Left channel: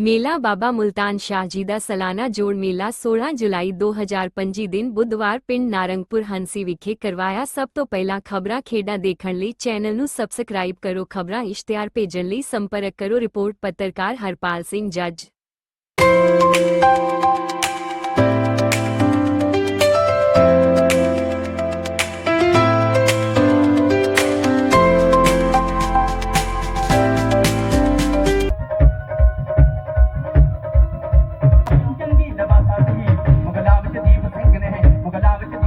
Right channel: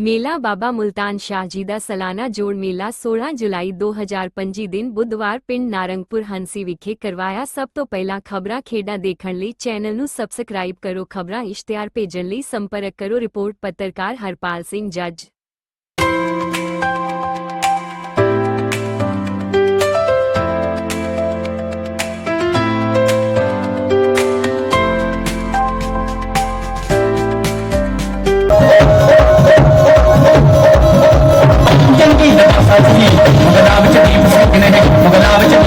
ਮੇਲਾ ਬਾਬਾ ਮੁਲਤਾਨ ਸ਼ਾਹ ਜੀ ਦਾ ਸਾਲਾਨਾ ਜੋੜ ਮੇਲਾ 16 ਜੁਲਾਈ 2025 ਦਿਨ ਬੁੱਧਵਾਰ ਪਿੰਡ ਨਾਰੰਗਪੁਰ ਹੰਸੀ ਵਿਖੇ ਕਰਵਾਇਆ ਸਭ ਤੋਂ ਪਹਿਲਾਂ ਖਬਰਾਂ ਖੇਡਾਂ ਦੇਖਣ ਲਈ ਚੈਨਲ ਨੂੰ ਸਬਸਕ੍ਰਾਈਬ ਕਰੋ ਖਬਰਾਂ ਇਸ਼ਤਿਹਾਰ ਭੇਜਣ ਲਈ ਸੰਪਰਕ ਕਰੋ ਰਿਪੋਰਟ ਪੱਤਰਕਾਰ ਹਰਪਾਲ ਸਿੰਘ ਜੱਜ ਚੰਗੀ ਤਰ੍ਹਾਂ ਸਾਜੀ ਮੁਗਲਾਂ ਵਿੱਚ ਦੀਪ ਸਿੰਘ ਨੇ ਮੁਗਲਾਂ ਵਿੱਚ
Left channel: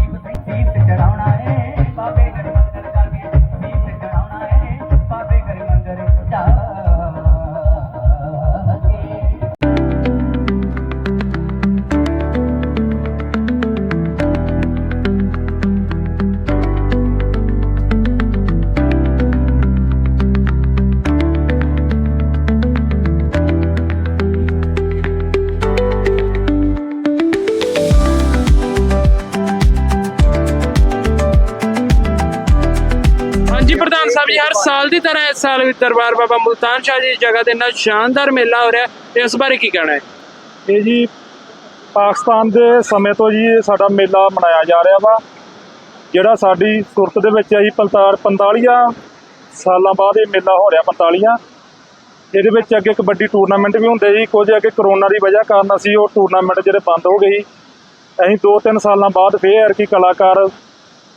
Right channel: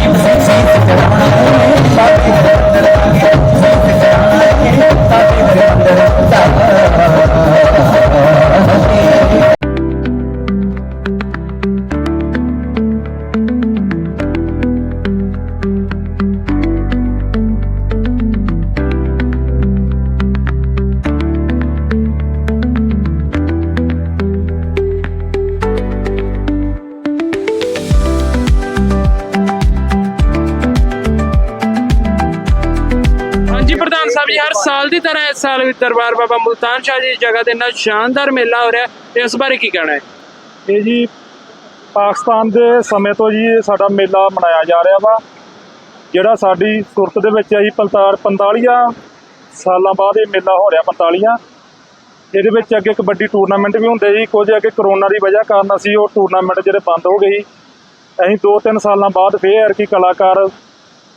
ਸਾਲ ਵੀ ਦਰਬਾਰ ਬਾਬਾ ਮੁਲਤਾਨ ਸ਼ਾਹ ਜੀ ਦੀ ਜਗ੍ਹਾ ਤੇ ਇੰਨਾ ਸ਼ਾਨਦਾਰ ਮੇਲਾ ਹੋ ਰਿਹਾ ਹੈ। ਇਸ ਬਾਰੇ ਕੀ ਕਹਿਣਾ ਹੈ? ਇਹ ਜੀ ਪਾਕਿਸਤਾਨ ਦੇ ਸਮੇਂ ਤੋਂ ਜੀ ਇਹ ਸਾਡਾ ਮੇਲਾ ਮਨਾਇਆ ਜਾ ਰਿਹਾ ਵਾ, ਜਿਹੜਾ ਸਾਡੀ ਸੁਰਤ ਦੇ ਵਿੱਚ ਆਈ 45 ਸਾਲਾਂ ਬਾਅਦ ਇਹ ਮੇਲਾ ਹੋ ਰਿਹਾ 45 ਇਹਦੇ ਵਿੱਚ ਅੱਗੇ ਕਬੱਡੀ ਟੂਰਨਾਮੈਂਟ ਵੀ ਹੁੰਦੇ ਸੀ, ਕੁਝ ਅੱਗੇ ਕਰੋਨਾ ਦੀ ਵਜ੍ਹਾ ਕਾਰਨ ਅਸੀਂ ਉਹ ਟੂਰਨਾਮੈਂਟ ਜਿਹੜੇ ਬੰਦ ਹੋ ਗਏ ਅਸੀਂ 2-3 ਸਾਲਾਂ ਬਾਅਦ ਫੇਰ ਕੀ ਕਲਾਕਾਰ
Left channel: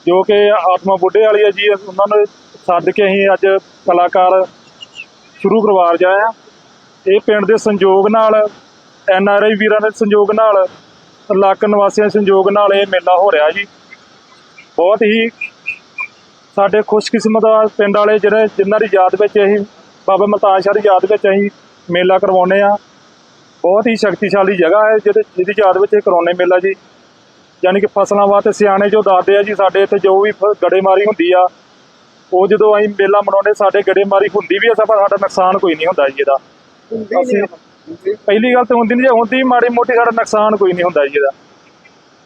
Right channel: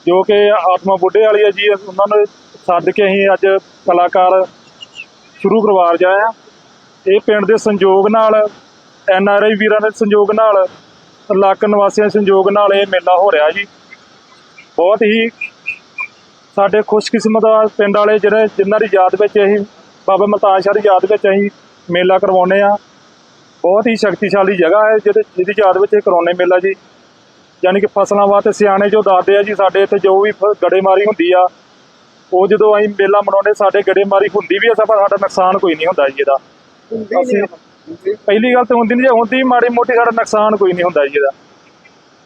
ਜੋ ਕਿ ਆਤਮਾ ਬੁੱਢੇ ਵਾਲੀ ਹੈ ਜੀ, ਉਹਨਾਂ ਨੂੰ ਸੱਦ ਕੇ ਅਸੀਂ ਅੱਜ ਕਲਾਕਾਰ ਸ਼ੁਰੂ ਕਰਵਾ ਰਹੇ ਆ ਇਹ ਪਿੰਡ ਦੇ ਸੰਯੋਗ ਨਾਲ, ਐਨ ਆਰ ਆਈ ਵੀਰਾਂ ਦੇ ਸੰਯੋਗ ਨਾਲ ਇਲਾਕਾ ਨਿਵਾਸੀਆਂ ਦੇ ਸੰਯੋਗ ਨਾਲ ਇਹ ਮੇਲਾ ਹੋ ਰਿਹਾ ਜੀ। ਬਹੁਤ ਹੀ ਸਾਡੇ ਖੁਸ਼ਕਿਸਮਤ ਪਿੰਡ ਵਾਲੇ ਜਿਹੜੇ, ਜਿਨ੍ਹਾਂ ਦੀ ਯਾਦ ਵਿੱਚ ਅਸੀਂ, ਬਾਬਾ ਮਲਤਾਨ ਸ਼ਾਹ ਦੀ ਯਾਦ ਵਿੱਚ ਅਸੀਂ ਮੇਲਾ ਕਰਵਾਉਂਦੇ ਆ ਬਹੁਤ ਹੀ ਸ਼ਕਤੀਸ਼ਾਲੀ ਜਗ੍ਹਾ ਹੈ ਜਿਹਦੇ, ਜਿਹਦੀ ਯਾਦ ਵਿੱਚ ਇਹ ਕਰਾਉਂਦੇ ਮੇਲਾ ਜੀ। ਯਾਨੀ ਕਿ ਫਸਲਾਂ ਵਾਸਤੇ ਸਿਆਣੇ ਜੋ ਦੱਸਦੇ ਆ ਜੀ, ਸਾਡੇ ਇੱਥੇ ਜੋ ਵੀ ਫ- ਗੜੇਮਾਰੀ ਹੁੰਦੀ ਆ ਉਹ ਜਦੋਂ ਅਸੀਂ ਮੇਲਾ ਮਨਾਉਂਦੇ ਸਾਡੇ ਗੜੇਮਾਰੀ ਹੁੰਦੀ ਵੀ ਆ ਪਰ ਸਾਡਾ ਨੁਕਸਾਨ ਕੋਈ ਨਹੀਂ ਹੁੰਦਾ ਜੀ ਇਹਦਾ। ਅਸੀਂ ਪਹਿਲੀ ਗੱਲ ਤਾਂ ਹੁੰਦੀ ਨਹੀਂ ਜੇ ਹੁੰਦੀ ਮਾੜੀ ਮੋਟੀ ਸਾਡਾ ਨੁਕਸਾਨ ਕੋਈ ਨਹੀਂ ਹੁੰਦਾ ਜੀ ਇਹਦਾ।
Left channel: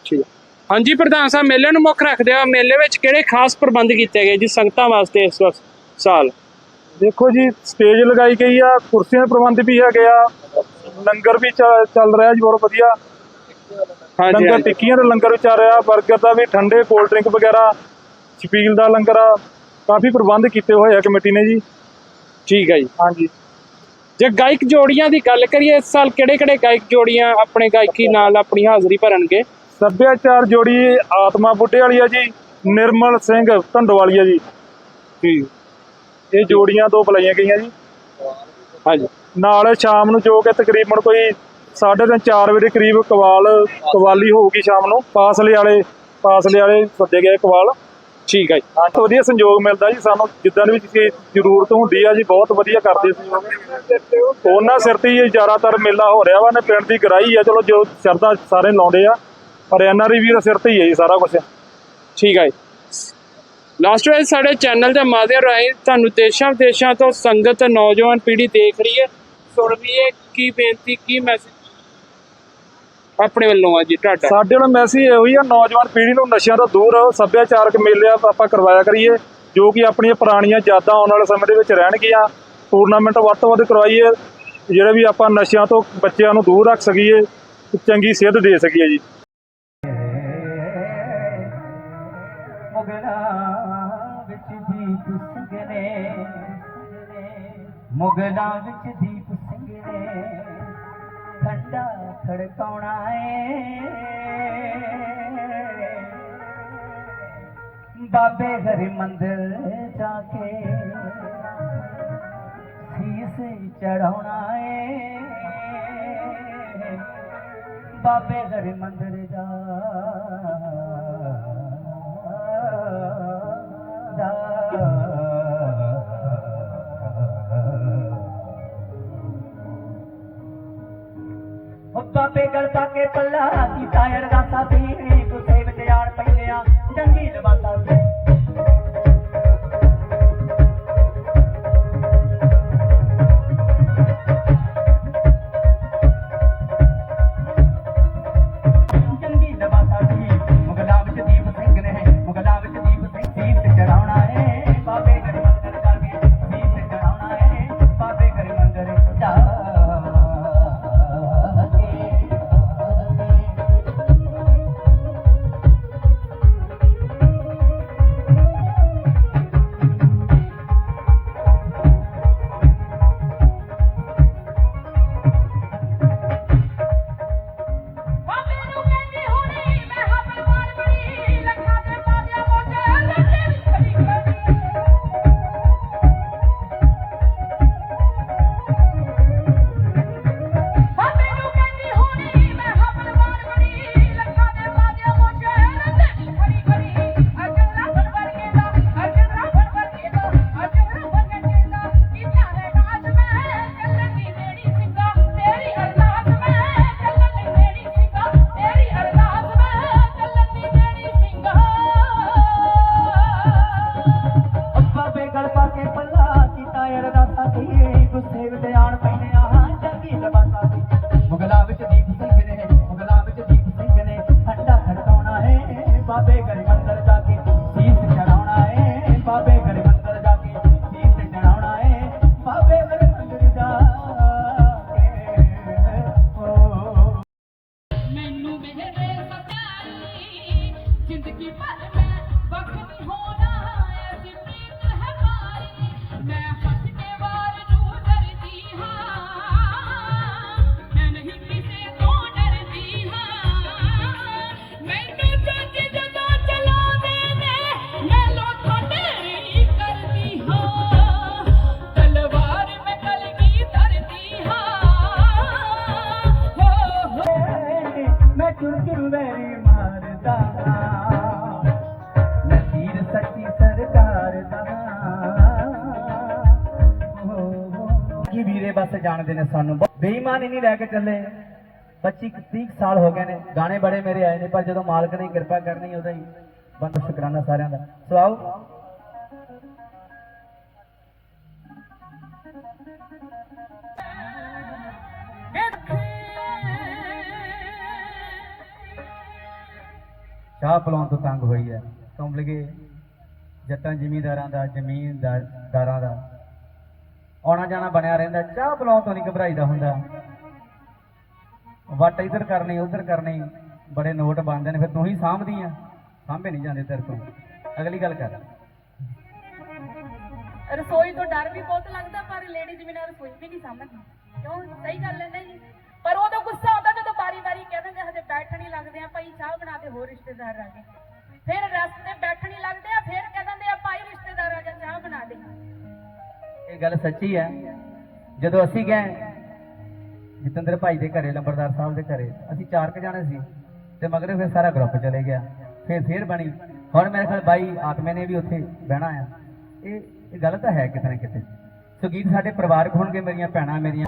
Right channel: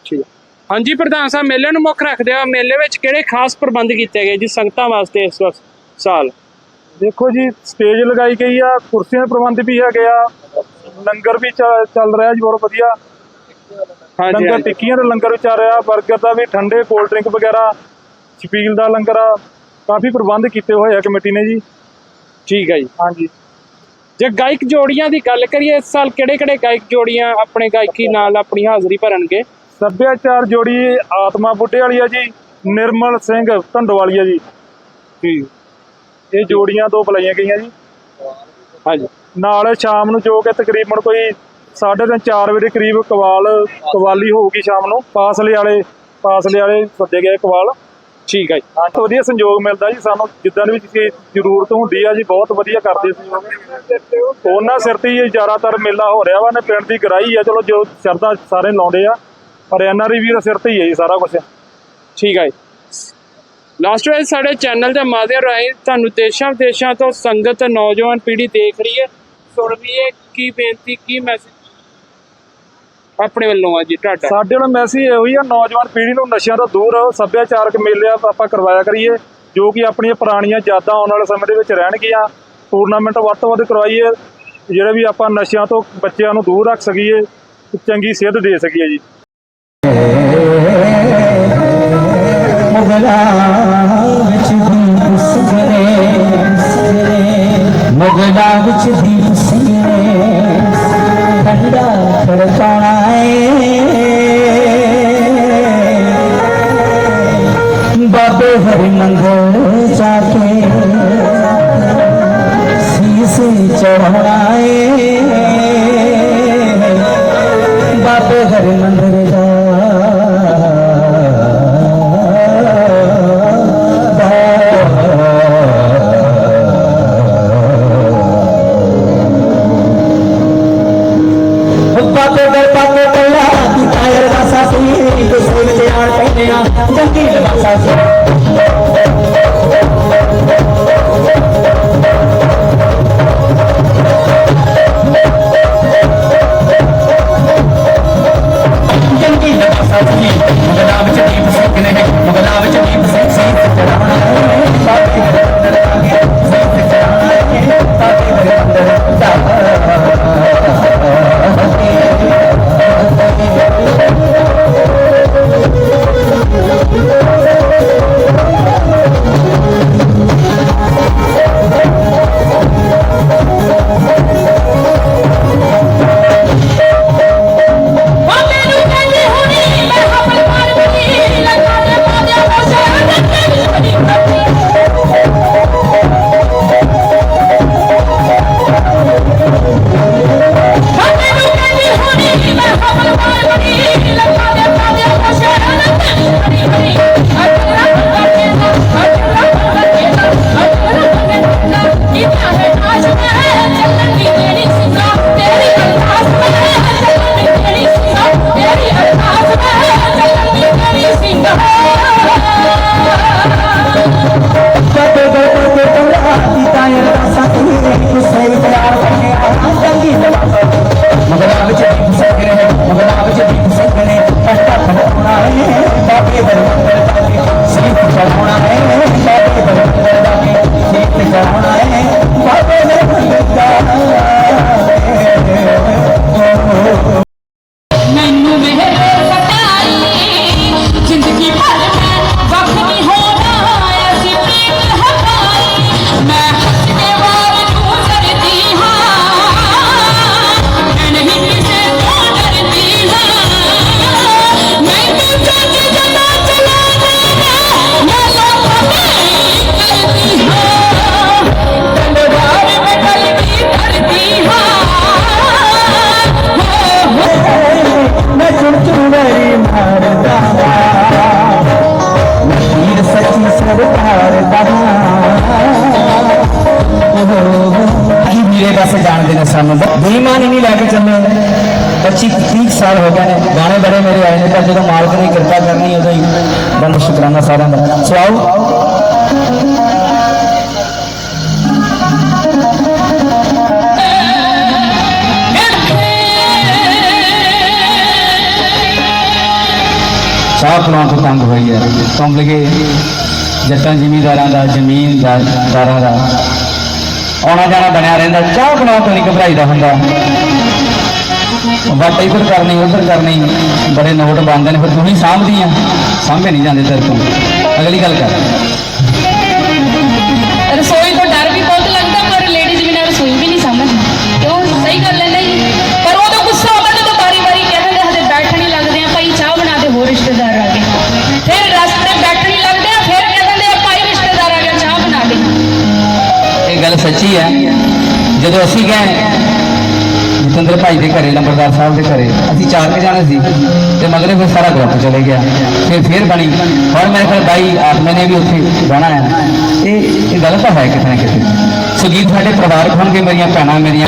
ਠੀਕ। ਹਾਂਜੀ ਪ੍ਰਧਾਨ ਸਾਹਿਬ ਮੇਲੇ ਨੂੰ ਮੁੱਖ ਰੱਖਦੇ ਆ। ਮੇਲੇ ਵਿੱਚ ਕਿਹੜੇ ਖਾਸ ਪ੍ਰਬੰਧ ਕੀਤੇ ਗਏ ਜੀ ਸੰਗਤਾਂ ਵਾਸਤੇ ਇਸ ਵਕਤ ਸਾਲ? ਦੇਖੋ ਜੀ ਸਟੇਜ ਲਗਾਈ ਗਈ ਆ ਕੁਰਸੀਆਂ ਦੇ ਪ੍ਰਬੰਧ ਵੀ ਹੈਗੇ ਆ ਲੰਗਰ ਵੀ ਚੱਲ ਰਿਹਾ ਜੀ ਬਹੁਤ ਵਧੀਆ। ਹਾਂਜੀ ਲੰਗਰ। ਟਿੱਕੀਆਂ ਦਾ ਲੰਗਰ ਵੀ ਚੱਲ ਰਿਹਾ 버ਗਰ ਦਾ ਵੀ ਠੰਡੇ ਕੋਲਡ ਡਰਿੰਕ ਵਗੈਰਾ ਛਪੀਲ ਦਾ ਲੰਗਰ ਆ। ਕਾਫੀ ਪ੍ਰਬੰਧ ਕੀਤੇ ਹੋਏ ਆ ਕਮੇਟੀ ਨੇ ਜੀ। ਠੀਕ ਹੈ ਜੀ। ਹਾਂਜੀ। ਜੇ ਗਾਇਕ ਜੋੜੀਆਂ ਦੀ ਗੱਲ ਕਰੀਏ ਇਸ ਸਾਲ ਕਿਹੜੇ ਕਿਹੜੇ ਗਾਇਕ ਜੋੜੀਆਂ ਆਪਣੇ ਗਾਇਕੀ ਨਾਲ ਆਪਣੀ ਹਾਜ਼ਰੀ ਭਰਨਗੇ? ਸੱਭਿਆਚਾਰ ਜੋੜੀ ਆਤਮਾ ਬੁੱਢੇ ਵਾਲੀ ਆ ਜੀ ਨਿਰਮਲ ਸਿੰਘ ਧੰਡੋਵਾਲੀ ਆ ਜੀ। ਇਹ ਜੋੜੀਆਂ ਦੋ ਬੁਲਾਈਆਂ ਗਈਆਂ ਜੀ। ਹਾਂਜੀ। ਨਾਲ ਸ਼ਾਮ ਨੂੰ ਜੋ ਕਿ ਤਕਰੀਬਨ ਕੋਈ 3:30 4 ਵਜੇ ਕਰੀਬ ਕਵਾਲ ਕਵਾਲੀ ਹੋਊਗੀ ਸ਼ਾਮ ਨੂੰ। ਪਾਸਲੇ ਵਾਲੇ ਪਾਸਲੇ ਵਾਲੇ ਸੱਦੇ ਗਏ ਕਵਾਲ। ਠੀਕ ਹੈ ਜੀ। ਹਾਂ ਵਧੀਆ ਸੰਯੋਗ ਮਿਲਦਾ ਜੀ ਸਾਨੂੰ। ਜਿੱਦਾਂ ਦੀ ਵੀ ਚੀਜ਼ ਜ਼ਰੂਰਤ ਹੁੰਦੀ ਆ ਜੀ, ਬਹੁਤ ਵਧੀਆ ਕਰਦੇ ਸੀ ਉਹਨਾਂ ਸਿਰ ਤੇ ਹੀ ਜ਼ਿਆਦਾਤਰ ਮੇਲਾ ਹੋ ਰਿਹਾ ਵਾ, ਨੇ ਪਿੰਡ ਦੀ ਗਰਾਈ ਆ, ਚਲੋ ਜੋ ਸ਼ਰਧਾ ਸਾਰੇ ਲਾਉਂਦੇ ਆ, ਪਰ ਐਨਆਰਆਈ ਵੀਰ ਸਿਰ ਤੇ ਹੀ ਹੈ ਜੀ ਸਾਰਾ ਕੁਝ ਠੀਕ ਹੈ ਲਾਸਟ ਵਿੱਚ ਸਾਡੇ ਚੈਨਲ ਦੇ ਮਾਧਿਅਮ ਰਾਹੀਂ ਤੁਹਾਨੂੰ ਦੇਸ਼ਾਂ ਵਿਦੇਸ਼ਾਂ ਤੋਂ ਸੰਗਤ, ਨੌਜਵਾਨ ਪੀੜ੍ਹੀ ਦੇਖ ਰਹੀ ਹੈ। ਸੁਣ ਰਹੀ ਹੈ, ਕੀ ਬੇਨਤੀ, ਕੀ ਮੈਸੇਜ ਆਪਣੇ ਵੱਲੋਂ ਆ ਜੀ ਤੁਹਾਡਾ। ਸਾਡੇ ਨਾਲ ਮੈਸੇਜ ਇਹੋ ਹੀ ਆ ਨੌਜਵਾਨ ਪੀੜ੍ਹੀ ਨੂੰ ਨਸ਼ਿਆਂ ਤੋਂ ਦੂਰ ਰਹੋ ਸੱਭਿਆਚਾਰਕ ਮੇਲੇ ਆਪਾਂ ਕਰਵਾਇਆ ਕਰੀਏ ਜੋ ਕਿ ਆਪਣੀਆਂ ਪੁਰਾਣੀਆਂ ਯਾਦਾਂ ਆਉਣ ਵਾਲੇ ਸਮੇਂ ਦੇ ਵਿੱਚ ਰਹਿਣਗੀਆਂ। ਟੂਰਨਾਮੈਂਟ ਵੱਧ ਤੋਂ ਵੱਧ ਕਰਵਾਈਏ ਜਿਹੜੇ ਵੀ ਆਪਾਂ ਨਸ਼ਿਆਂ ਤੋਂ ਬੱਚਿਆਂ ਨੂੰ ਦੂਰ ਰੱਖ ਸਕੀਏ ਚੰਗੀ ਸਿਹਤ ਦੇ ਸਕੀਏ ਜੀ। ਮੁਗਲਾਂ ਵਿੱਚ ਦੀਪ ਠੰਡਾ ਖੜਕਾਉਣਾ ਏ ਬਾਬੇ ਹਰੀ ਮੰਗਲ ਜਾ ਕੇ ਸੀਸ ਸਾਨੂੰ ਬੇਈਮਾਨੀ ਨਹੀਂ ਲੈ ਕੇ ਚੱਲੇ। 25 30 ਸਾਲ ਹੋ ਗਏ ਨੇ ਗਾਣੇ ਬੜੇ ਮੇਰੇ ਆਏ ਨੇ, ਪਰ ਜਦੋਂ ਮਾਲਕ ਨੇ ਕਿਰਪਾ ਕਰਨੀ ਉਦੋਂ ਹੀ ਬੰਦ ਸ਼ੁਕਰਾਨਾ ਸਾਰਿਆਂ ਦਾ। ਸੋ ਆਓ। ਚਾਹ ਪਲਾਉਣ ਤੋਂ ਤੰਗ ਹੋਈ ਹੈ। ਤੁਮ ਲਗੇ ਜੱਟਾਂ ਜ਼ਿਮੀਂਦਾਰਾਂ ਦਾ, ਜ਼ਮੀਨਦਾਰਾਂ ਦਾ। ਆਉਣਾ ਜਾਣਾ ਬਣਿਆ ਰਹਿੰਦਾ, ਚਾਹ ਬਣਾਉਣ ਤੋਂ ਨਹੀਂ ਘਬਰਾਈਦਾ ਹੁੰਦਾ। ਵੱਟ ਇੱਧਰ ਕਰਨੀ, ਉੱਧਰ ਕਰਨੀ, ਬੜੇ ਨੋਟ ਬੰਦੇ ਨੇ, ਫਿਰ ਤੂੰ ਹੀ ਸਾਂਭਦੀ ਆ। ਸਾਂਭੇ ਨਹੀਂ ਜਾਂਦੇ ਤੇਰੇ ਤੋਂ। ਅਗਲੀ ਗੱਲ ਕਰ। ਇਹ ਹੈ। ਜਦੋਂ ਅਸੀਂ ਗਏ, ਜਤਿੰਦਰ ਭਾਈ ਦੇ ਘਰੇ, ਲੰਬਰਦਾਰ ਸਾਹਿਬ ਦੇ ਘਰੇ, ਅਸੀਂ ਚਾਰ ਕੇ ਜਾਣੇ ਸੀ ਤੇ ਮਗਰੇ ਫਿਰ ਸਾਰਾ ਗਰੁੱਪ ਚਲੇ ਗਿਆ। ਫਿਰ ਫਿਰ ਬਣੀ। ਹੁਣ ਮੇਰੇ ਕੋਲ ਬਾਈ ਆਤਮਾ ਨੇ ਵੀ ਉੱਥੇ ਬਹਿਣਾ ਹੈ। ਇਹ ਇਹ ਗੱਲ ਤਾਂ ਹੈ ਕਿਤੇ ਨਾ ਕਿਤੇ। ਸੋ ਸਾਡੇ ਪਰਿਵਾਰ ਹੋਣਗੇ ਮੇਰੀਆਂ ਭੈਣਾਂ ਮੇਰੀਆਂ।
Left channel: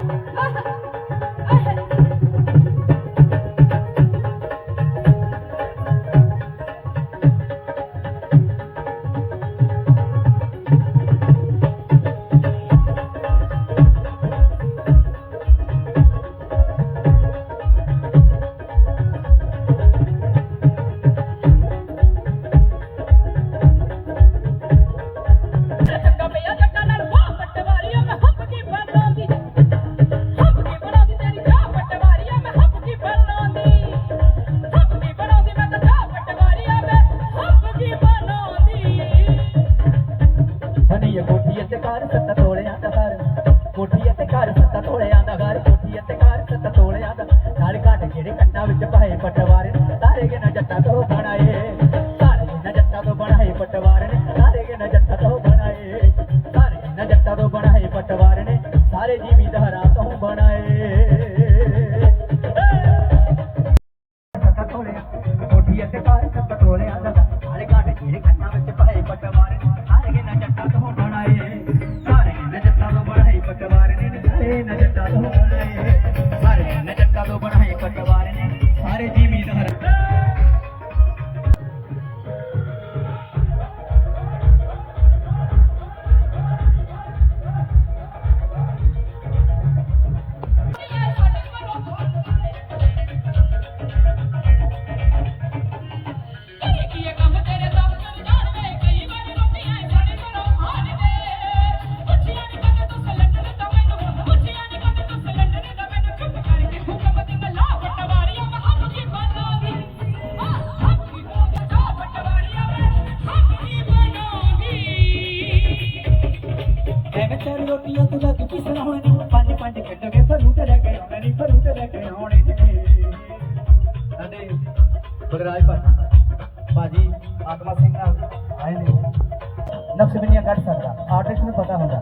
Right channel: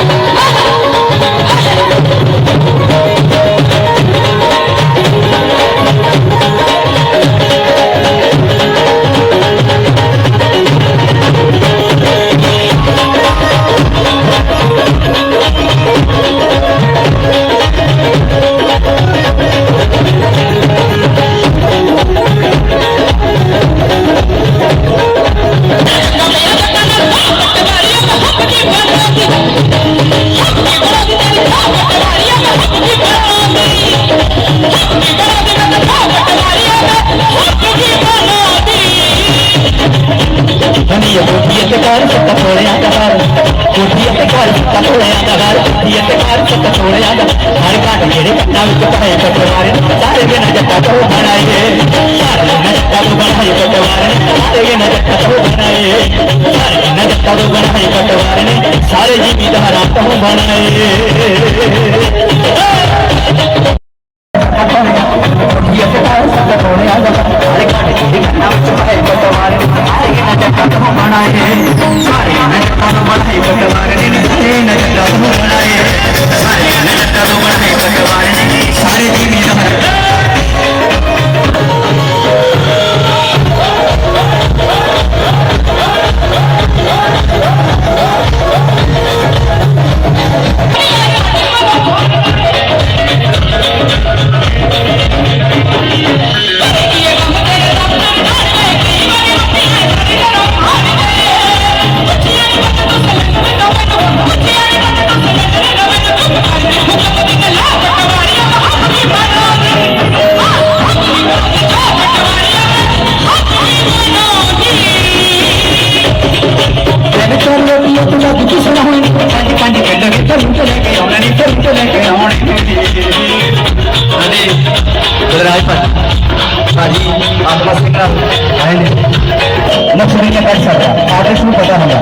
ਨਕਸ਼ੇ ਨਹੀਂ ਕਰ ਸਕਦਾ ਆਰਟਿਸਟ ਨੂੰ ਪਤਾ ਹੁੰਦਾ।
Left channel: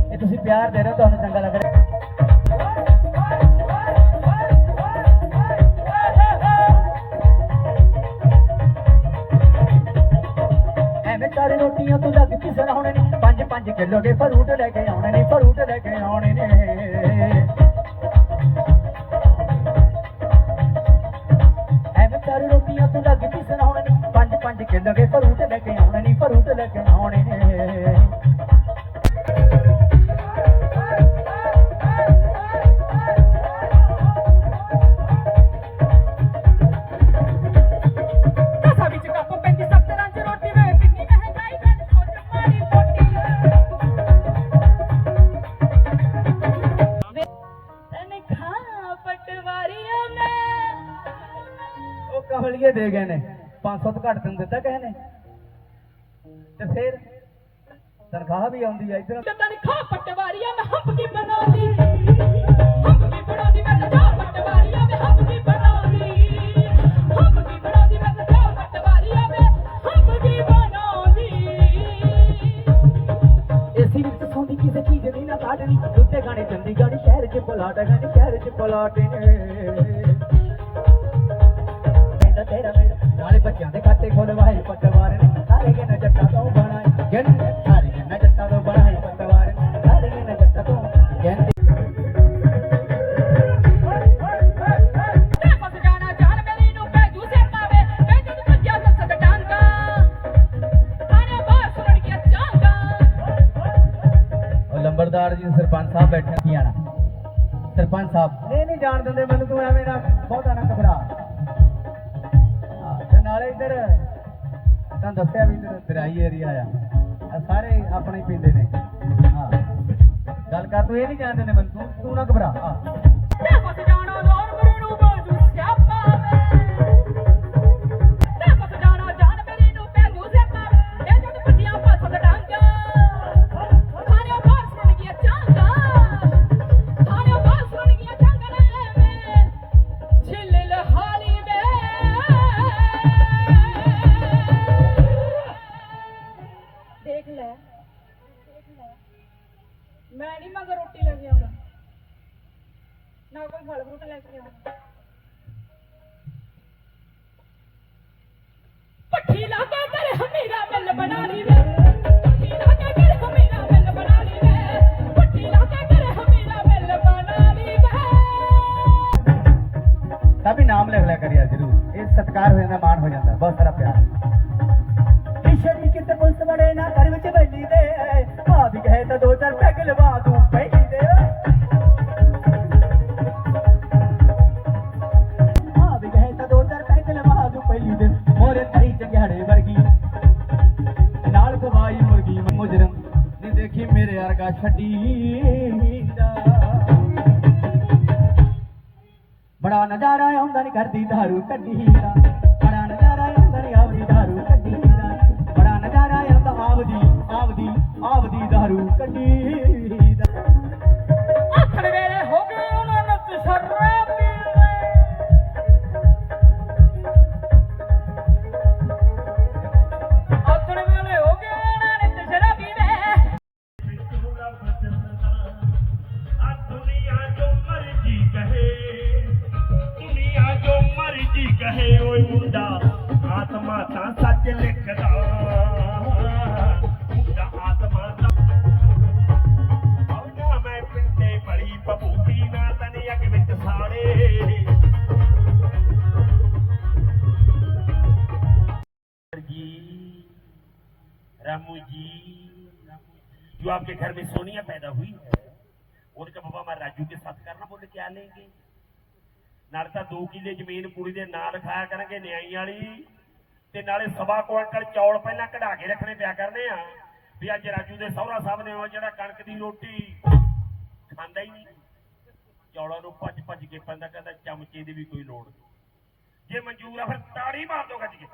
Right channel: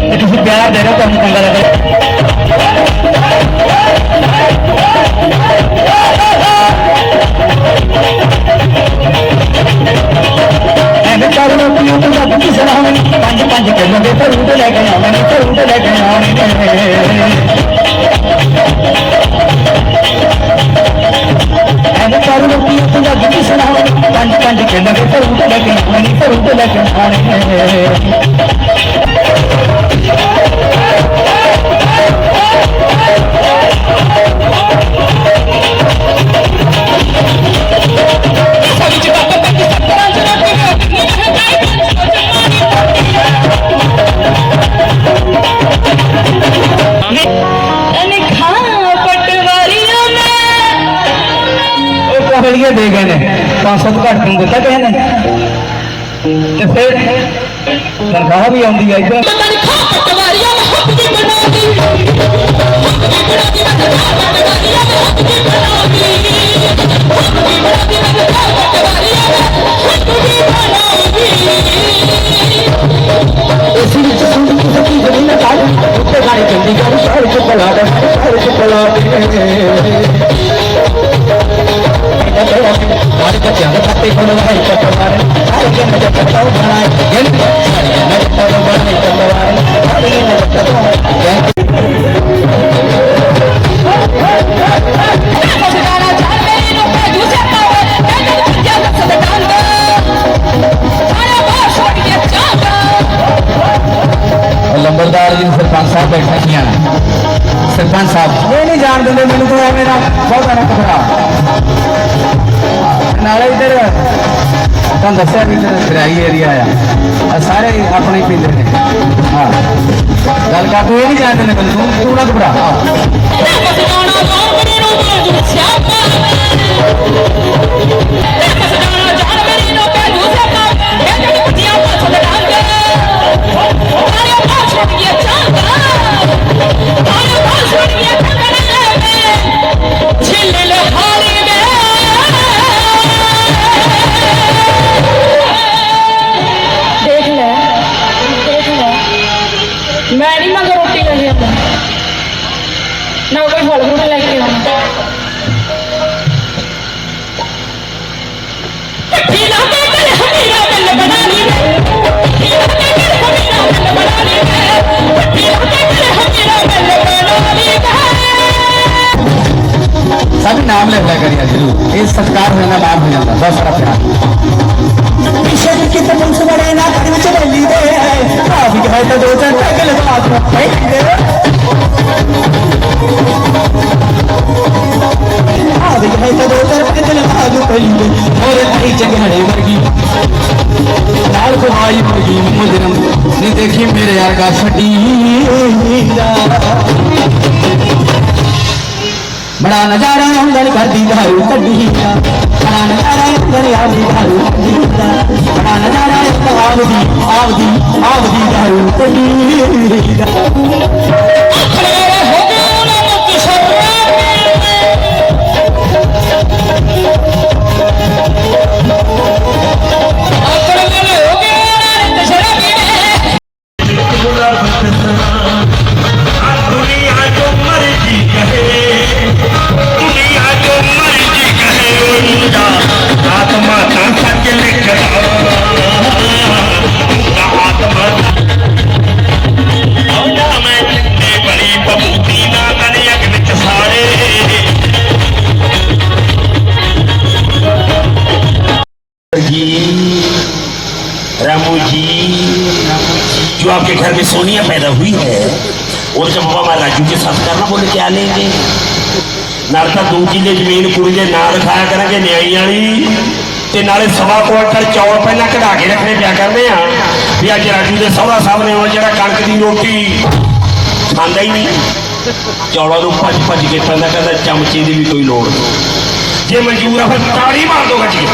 ਕਿ ਤੁਸੀਂ ਪਿਆਰ ਦੇ ਰਹੇ ਹੋ, ਤੁਹਾਨੂੰ ਚੰਗਾ ਲੱਗੇ ਐਵੇਂ ਕਰ ਲੋ ਕਿ ਉਹ ਤਾਂ ਦੁੱਖ ਸੁਣਾ ਹੋਈ ਪੰਜ ਪੰਜ ਕਿਲੋ ਦੇ ਧਰਮ ਤੋਂ ਲੈ ਕੇ ਆਉਣੇ ਨੇ ਧਰਮ ਤੋਂ ਲੈ ਕੇ ਆਉਣੇ ਨੇ। ਐਵੇਂ ਕਰ ਲੋ ਕਿ ਉਹ ਸੁਣਾ ਪੰਜ ਪੰਜ ਕਿਲੋ ਦੇ ਧਰਮ ਤੋਂ ਲੈ ਕੇ ਆਉਣੇ ਨੇ ਧਰਮ ਲੈ ਕੇ ਆਉਣੇ। ਉਹ ਕੋਹਲੀਏ ਦੇ ਗਏ ਨੇ। 500 ਘੱਟ ਨੂੰ ਦਿੱਤਾ ਕਿਸੇ ਨੇ। ਤੇ ਫਿਰ ਤਨਖਾਹ ਵੀ ਆਉਂਦੀ ਹੈ ਇੱਧਰ। ਤਨ ಕೊಡುವ ಇಪ್ಪತ್ತವಾರ ಸಾರಿಗೆ ನಜಪ್ಪತ್ತವು ಬಣ ಎಂಟು ನಜಪ್ಪತ್ತವು ಬಣ ಇಪ್ಪತ್ತವಾರ ಸಾರಿಗೆ ನಜಪ್ಪತ್ತವು ಎಂಟು लंबरदार जी सरपंच साहब बैठा नहीं आना सरपंच साहब ये नहीं जान देंगे मैंने तो है मेरा बहुत आना खतरा ਇੱਧਰ ਤੁਹਾਨੂੰ ਦੱਸਿਆ ਵੀ ਇੱਧਰ ਦਰਿਆਈ ਏਰੀਆ ਆ ਆਹ ਸਾਰੇ ਆਪਣੇ ਹੀ ਪੀਂਦੇ ਨੇ ਹਾਂ ਗੱਲ ਕਰ ਤੂੰ ਇਹ ਨਹੀਂ ਜਾਣ ਦਿੰਦੇ ਮੈਨੂੰ ਤੂੰ ਤੂੰ ਨਾ ਘਬਰਾ ਨਾ ਕੋਈ ਫਲ ਫਰੂਟ ਲੈ ਕੇ ਆਉਂਦਾ ਪੱਠੀ ਲਾ ਕੇ ਕਰ ਹਮੀਰਾ ਬੱਲ ਬਣਾ ਲਈ ਪੱਠੀ ਲਾ ਕੇ ਕਰ ਹਮੀਰਾ ਬੱਲ ਬਣਾ ਲਈ ਪੱਠੀ ਲਾ ਕੇ ਕਰ ਹਮੀਰਾ ਬੱਲ ਬਣਾ ਲਈ ਸਭ ਨਾਮ ਲੈ ਲਿਆ ਹੈ ਤਾਂ ਦੋ ਚਾਰ ਟੱਕ ਲਗਾ ਦੋ ਹੋਰ ਨਹੀਂ ਚੰਗੜੇ ਵਰਗੀ ਨਾਲ ਕੋਹਾਈ ਮੁਰਗੀ ਮੁਜਰਮ ਨੇ ਦੇਖੀ ਮੇਰੇ ਯਾਰ ਛੱਡੀ ਬੜਾ ਨਜ਼ਾਰਾ ਆਉਂਦਾ ਨੀ ਕਰਦੀ ਧਾਰੂ ਕੱਢੀ ਦਾ ਬੜਾ ਨਜ਼ਾਰਾ ਆਉਂਦਾ ਨੀ ਆਉਂਦੀ ਧਾਰੂ ਕੱਢੀ ਦਾ ਬੜਾ ਨਜ਼ਾਰਾ ਆਉਂਦਾ ਆਵਦੀ ਆਵਦੀ ਆਵਦੀ ਧਾਰੂ ਕੱਢੀ ਦਾ। ਦੇ ਕਰਾਂਗੇ ਨਿਆਈ ਵਾਲੀ ਤੇ ਨਾਲੇ ਸਵਾ ਕੁਆਂਟਲ ਚੌਲ ਪਹਿਲਾਂ ਕਢਾ ਕੇ ਰੱਖਣੇ ਪਿਆ ਕਰਦੇ ਆ। ਵੀ ਅੱਜ ਰਾਜੂ ਦੇ ਸਹੁਰਾ ਸਾਹਿਬ ਨੇ ਉਹ ਜਿਹੜਾ ਕਣਕ ਦੀ ਰੋਟੀ ਖਾਂਦਾ ਹੀ ਨਹੀਂ। ਚੌਲਾਂ ਨੂੰ ਭੱਜ ਭੱਜ ਕੇ ਪੈਂਦਾ ਕਹਿੰਦਾ ਚਮਚੇ ਦੀ ਵੀ ਕੋਈ ਲੋੜ ਨਹੀਂ। ਜੇ ਮਨਜ਼ੂਰ ਆ, ਫਿਰ ਤਾੜੀ ਮਾਰ ਦੋ ਗੱਜੀ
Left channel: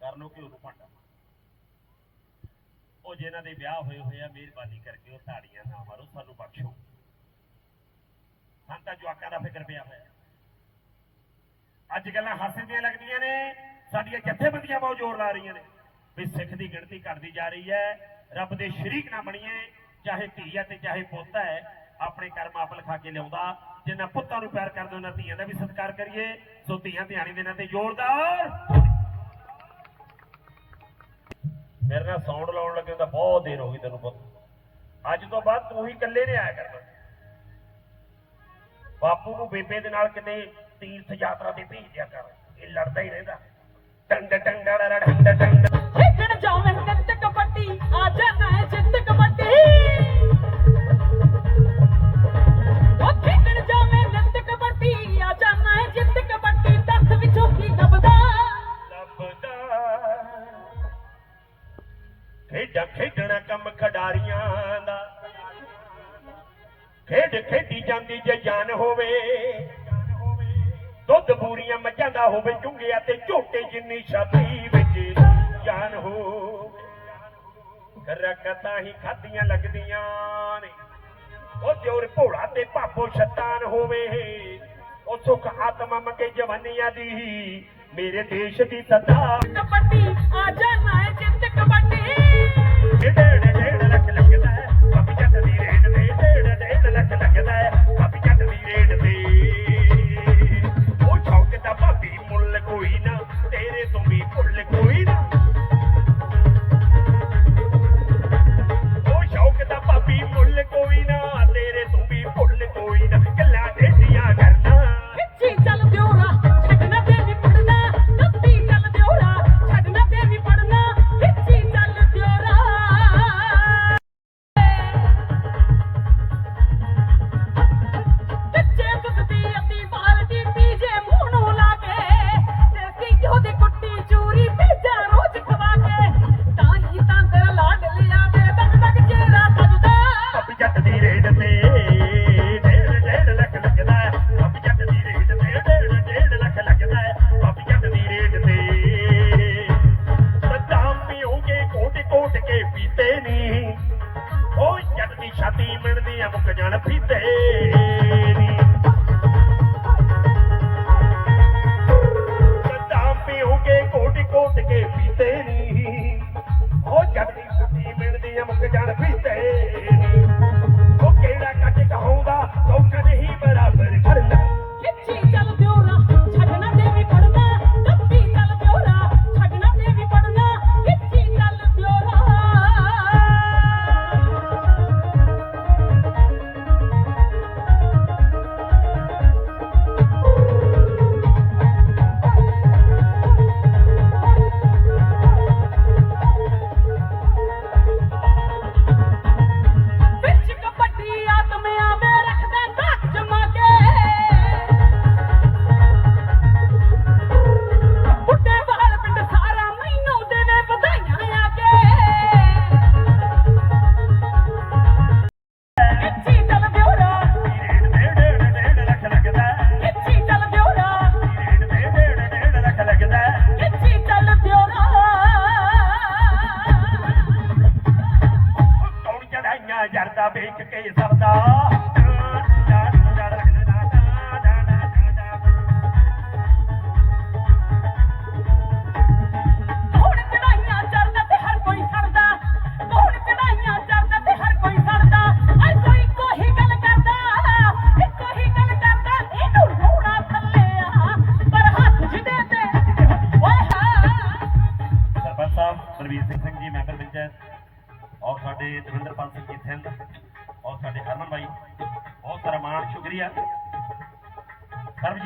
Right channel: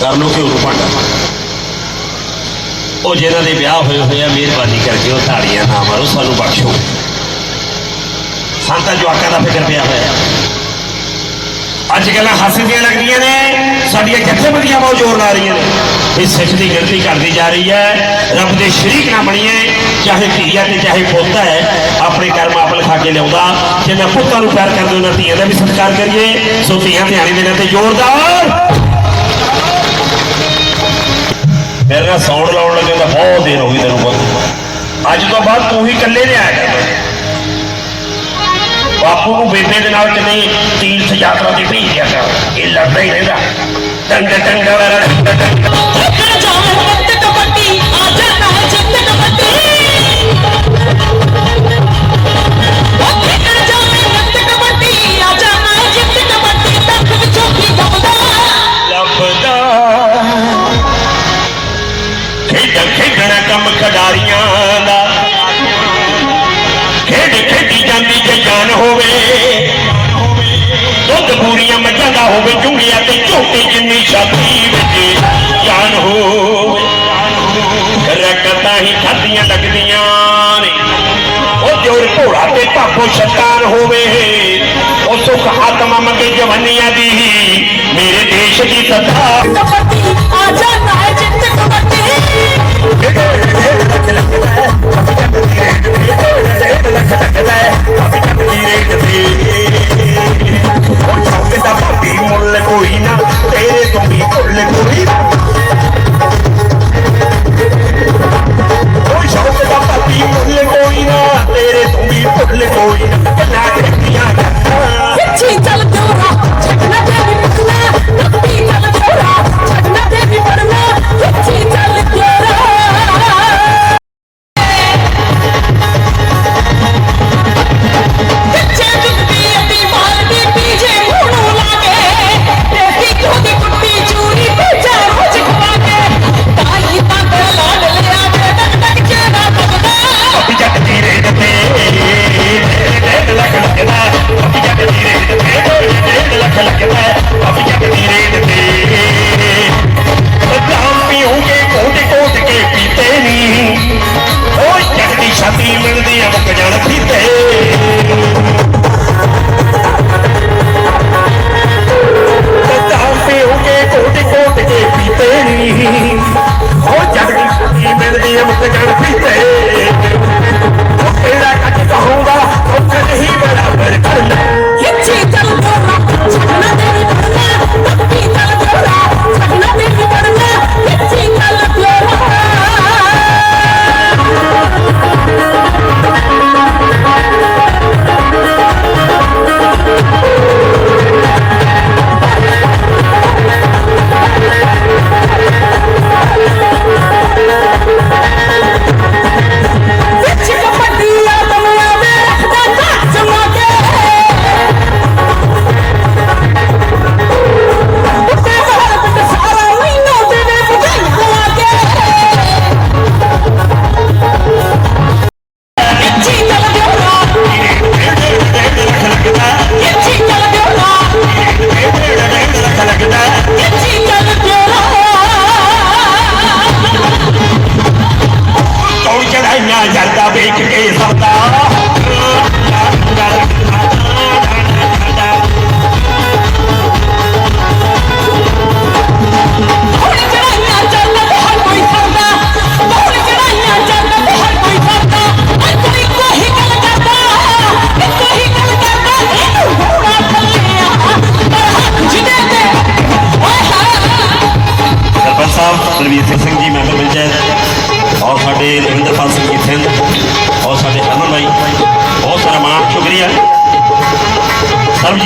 ਕਰ ਲੋ ਕਿ ਉਹ ਭਾਂਡਾ। ਉਹ ਜਿਹਨਾਂ ਦੇ ਵਿਆਹ ਹੋਏ ਹੋਏ ਆ, ਮਿਹਰਬਾਨੀ ਕਰਕੇ ਉਹ ਤਾੜੀਆਂ ਨਾ ਮਾਰੋ, ਸਾਨੂੰ ਬਖਸ਼ੋ। ਸੰਤਾਂ ਜਵਾਕਾਂ ਦਾ ਫਿਕਰ ਪਿਆ ਹੋਇਆ। ਅੱਜ ਗੱਲਾਂ ਹੱਸਦੀਆਂ ਲੱਗਦੀਆਂ ਨੇ, ਸਾਡੀਆਂ ਜਥੇਬੰਦੀਆਂ ਬਹੁਤ ਜ਼ੋਰ ਲਾ ਰਹੀਆਂ ਨੇ। ਇਹ ਸਿੱਖ ਦੀ ਗਿਣਤੀ ਕਰਦੀ ਜਾ ਰਹੀ ਹੈ, ਰੱਬ ਦੇ ਸ਼ਰੀਕ ਨਾ ਬਣੀਏ, ਚਾਹੇ ਧੀਆ ਤੇ ਚਾਹੇ ਪੁੱਤ ਹੈ, ਆਪਣੇ ਕਰਮ ਆਪ ਲਿਖਾ ਕੇ ਲਿਆਉਂਦਾ। ਜੇ ਜਿੰਨਾ ਪੁੱਤਾਂ ਨੂੰ ਪਿਆਰ ਕਰਦੇ ਉਹਨਾਂ ਧੀਆਂ ਦਾ ਵੀ ਸਤਿਕਾਰ ਕਰੀਏ, ਸੋ ਧੀਆਂ ਧਿਆਣੀ ਦੇਣਾ ਤੇ ਜ਼ੋਰਦਾਰ। ਮੇਰੇ ਨਾਲ ਸੌਣ ਲਾਉਣ ਲੱਗੇ ਤਾਂ ਬਹੁਤ ਦੇਰ ਹੋ ਗਈ ਤੈਨੂੰ ਬਹੁਤ ਅੱਜ ਤੋਂ ਬਾਅਦ ਤੂੰ ਹੀ ਇਕੱਲੇ ਨੇ ਆਇਆ ਕਰ ਬਾਪੂ ਨੂੰ ਬੇਬੇ ਦੇ ਨਾਲ ਕਿਤੇ ਤੀਰਥ ਯਾਤਰਾ ਤੇ ਭੇਜਿਆ ਕਰ। ਇਹ ਲੜਦਾ ਹੀ ਰਹਿੰਦਾ। ਟੰਗ ਟੰਗ ਵਰ ਦਾ ਹੋਵੇ ਚੁੰਗੀਆਂ ਤੇ ਝੋਟੀ ਜਿੰਨੀ ਛਾਤੀ ਵਿੱਚ। ਜਾਨ ਹੋਵੇ ਰਕਤਾਂ ਹੀ ਖਾਦੀਆਂ ਲੱਗਦੀਆਂ ਨੇ। ਉਹ ਜੋਰ ਘੋੜਾ ਤੇ ਭਾਪੋ ਸ਼ੈਤਾਨ ਹੋਵੇ। ਉਹ ਸੁਖ ਆਤਮਾ ਮੰਗੇ ਜਵਾਨੀਆਂ ਦੀ। ਮੇਰੇ ਦੇਸ਼ ਦੀ ਸਦਾ ਕਬੱਡੀ ਆ ਜਾਣਾ ਹੈ ਜਿੱਤ ਕਬੱਡੀ। ਮੁੱਲ ਕੋਈ ਨਾ ਤੇਰੇ ਤੋਂ ਵੀ ਮੁੱਲ ਕੋਈ ਨਾ ਕੋਈ ਸ਼ੌਕ ਦਾ ਭਾਬੀ ਮੁੱਲ ਕੋਈ ਨਾ ਤੇਰੇ ਤੋਂ ਵੀ ਮੁੱਲ ਕੋਈ ਨਾ ਗੱਲਾਂ ਕਰਦੀਆਂ ਗੱਲਾਂ ਪਿੱਛੇ ਚੱਲ ਦਿਓਰਾ ਛੱਡਣਾ ਤੇ ਵੀ ਪੜਨਾ ਨੱਤੀ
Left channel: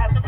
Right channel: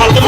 I'll